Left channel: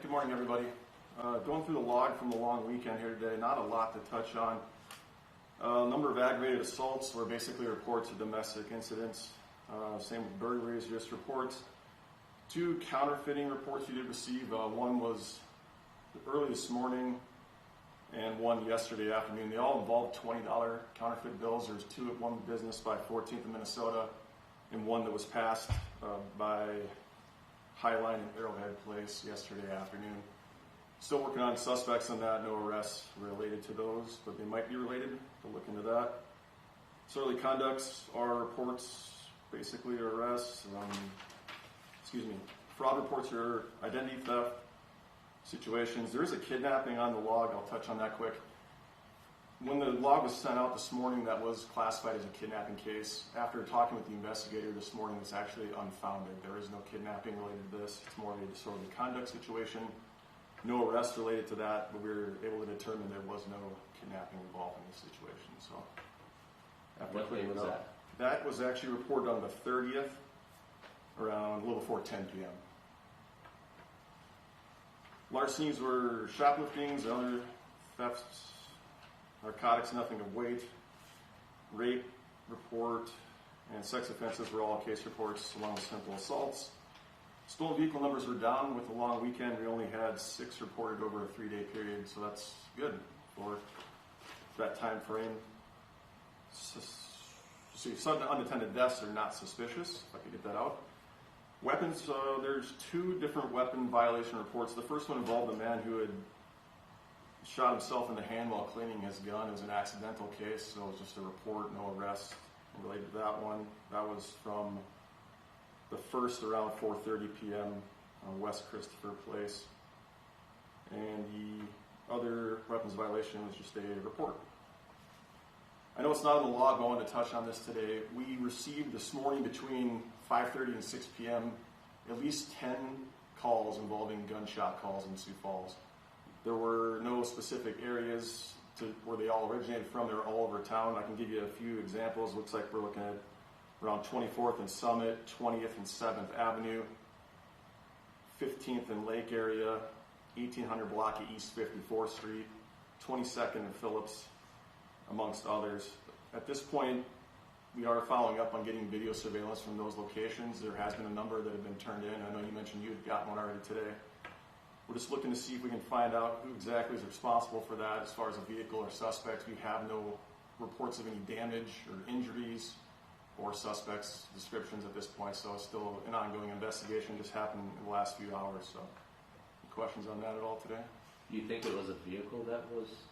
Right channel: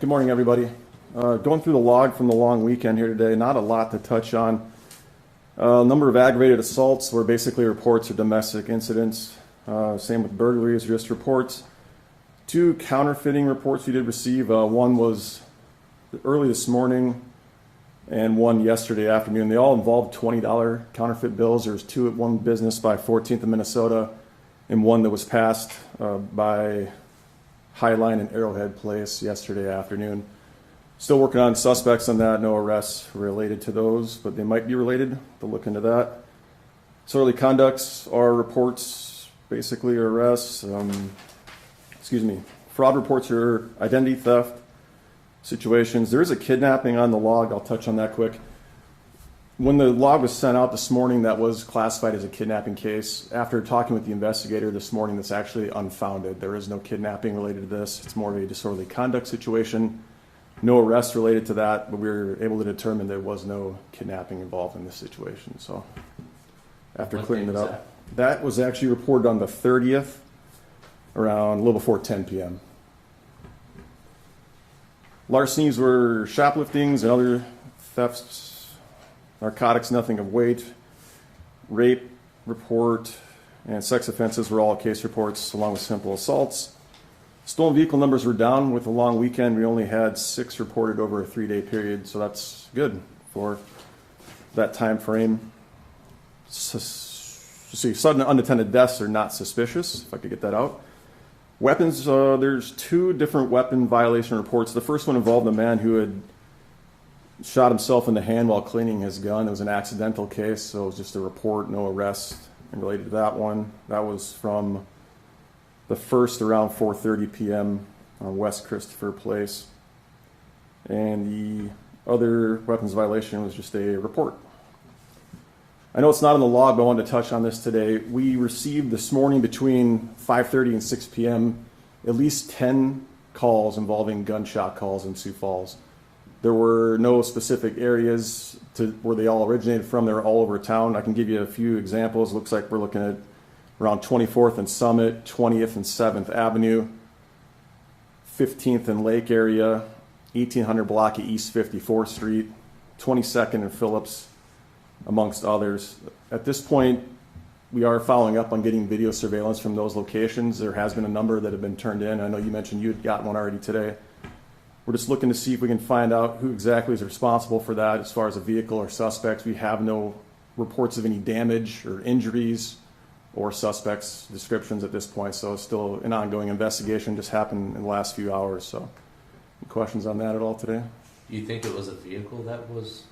good morning, everybody. Going through the log from the long weekend here today, not a lot to touch on. Number of aggravated assaults were basically reports of domestic incidents. Same with burglaries, just reports. 2 counterfeiting reports we did receive. One was early this morning and one yesterday afternoon. They all involved $20 counterfeit bills. There's 2 at one business by 14th of Minnesota and one that was passed by Highline and Arrowhead Place yesterday afternoon. Still working on suspects on that. No arrests related to those, but they might be related. We'll look into that. Disorderly conducts are reports, basically arrests. Fraud reports are identity theft situations. There is a kidnapping on the log. I'll touch on that quick. When the log was sent out this morning, that was classified as a kidnapping case. After talking with the investigator this morning, that's actually unfounded. There is no kidnapping related to this. It's more of a disorderly conduct situation. No arrest related to that, but we were able to determine there was no kidnapping involved in this situation. So after clearing it up, that was actually reported on the 30th around a little before 10 p.m. Larcenies were shopliftings and other thefts. Narcotics, nothing of weight. Rape report and sex offenses were all case reports, along with simple assaults. Stolen vehicle numbers were down with a long weekend. We only had 6 reported over a 3-day period, so that's good for that time frame. Sudden unattended deaths are not suspicious, if I could get that out. Weapons, there's 2 different weapon violation reports. The first one involved a man who had shot himself in the hand while cleaning his gun. It was an accidental case, so it was just a report, no arrest related to that one. That was from the first around 4:30 p.m. on West Christopher Place. And the other weapons violation was just a report. I know it's not in the log, but I wanted to touch on this today. We received this morning between 5:30 and 6 p.m. at least 10 calls involving gunshot calls in Sioux Falls. There were no specific areas to where they all originated from. They were all over town. I can give you a few examples. Looks like we're looking at around 24th and Summit, 20th and 7th Avenue, 15th and Lake area, 1800 block of East 54th Street, 22nd and Phillips, amongst others. At this point, we are following up on getting video surveillance from those locations. There has been a number that have been turned in. I know you mentioned you had gotten one already today. We're just looking to see if we can find out who exactly is responsible for that as far as a vehicle or suspects. We have no reports of any damage or injuries or suspects' descriptions at this point, so it's still an ongoing investigation. Just happened in the last few hours. So, any questions on that at all today? You think it was a vehicle that was,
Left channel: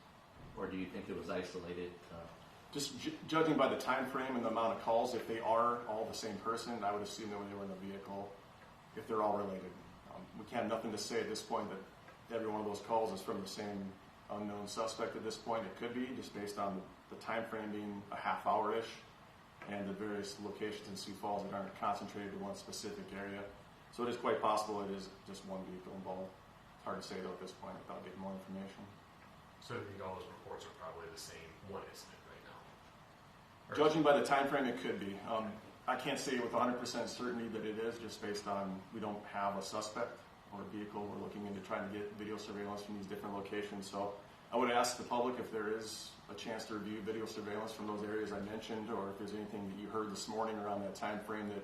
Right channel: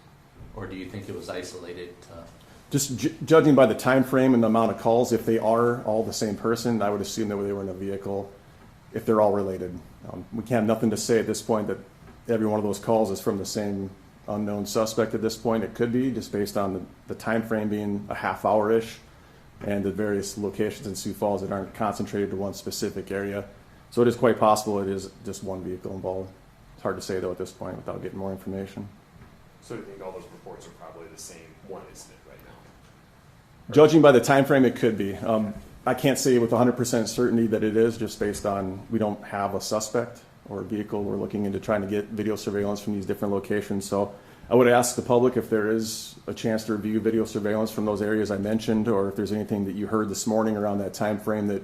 or do you think it was isolated? Just judging by the time frame and the amount of calls, if they are all the same person, I would assume that they were in a vehicle. If they're all related, we can't have nothing to say at this point that every one of those calls is from the same unknown suspect at this point. It could be just based on the time frame being a half hour-ish and the various locations in Sioux Falls that aren't concentrated to one specific area. So it is quite possible it is just one vehicle involved. It's hard to say though at this point without getting more information. So do you think all those reports are probably the same one incident right now? Judging by the time frame, it could be. I can't say with 100% certainty that it is, just based on we don't have a suspect or a vehicle. We're looking into trying to get video surveillance from these different locations. So I would ask the public if there is a chance to review video surveillance from those areas I mentioned, or if there's anything that you heard this morning around that time frame that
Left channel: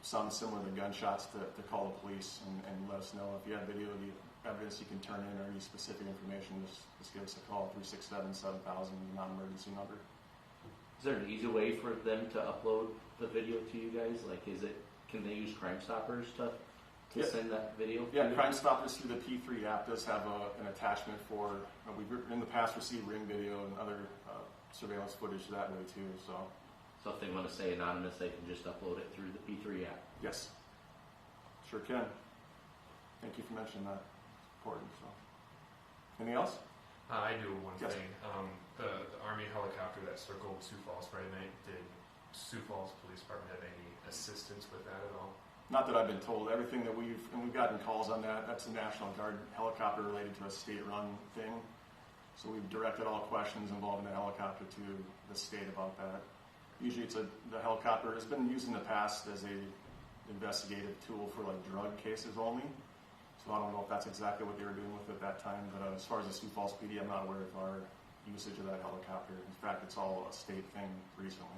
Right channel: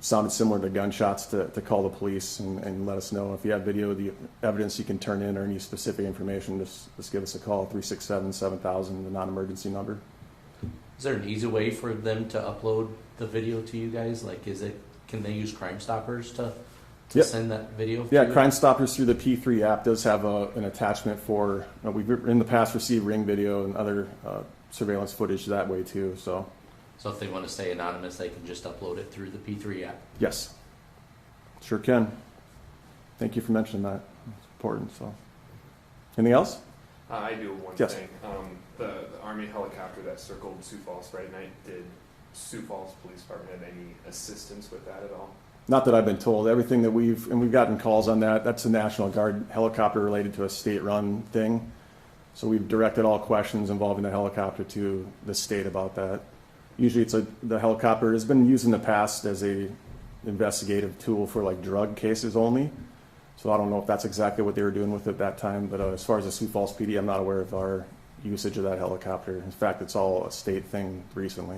sounded similar to gunshots, to call the police and let us know. If you have video, the evidence you can turn in, or any specific information, just give us a call, 367-7000, the non-emergency number. Is there an easy way for them to upload the video to you guys? Like, can they use Crime Stoppers to Yep. send that video? Yeah, Crime Stoppers through the P3 app does have an attachment for, we've in the past received Ring video and other surveillance footage that way too. So if they want to stay anonymous, they can just upload it through the P3 app? Yes, sure can. Thank you for mentioning that. It's important. So anything else? I do one Yes. thing. The Army helicopter that circled Sioux Falls Friday night, did Sioux Falls Police Department have any assistance with that at all? Not that I've been told. Everything that we've gotten calls on that, that's a National Guard helicopter related to a state-run thing. So we've directed all questions involving the helicopter to the state about that. Usually the helicopter has been used in the past as a investigative tool for like drug cases only. So I don't know if that's exactly what they were doing with it that time, but as far as the Sioux Falls PD, I'm not aware of our usage of that helicopter. In fact, it's all a state thing recently.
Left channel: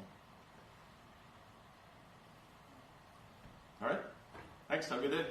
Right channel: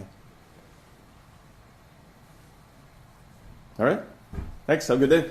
All right. Thanks. Have a good day.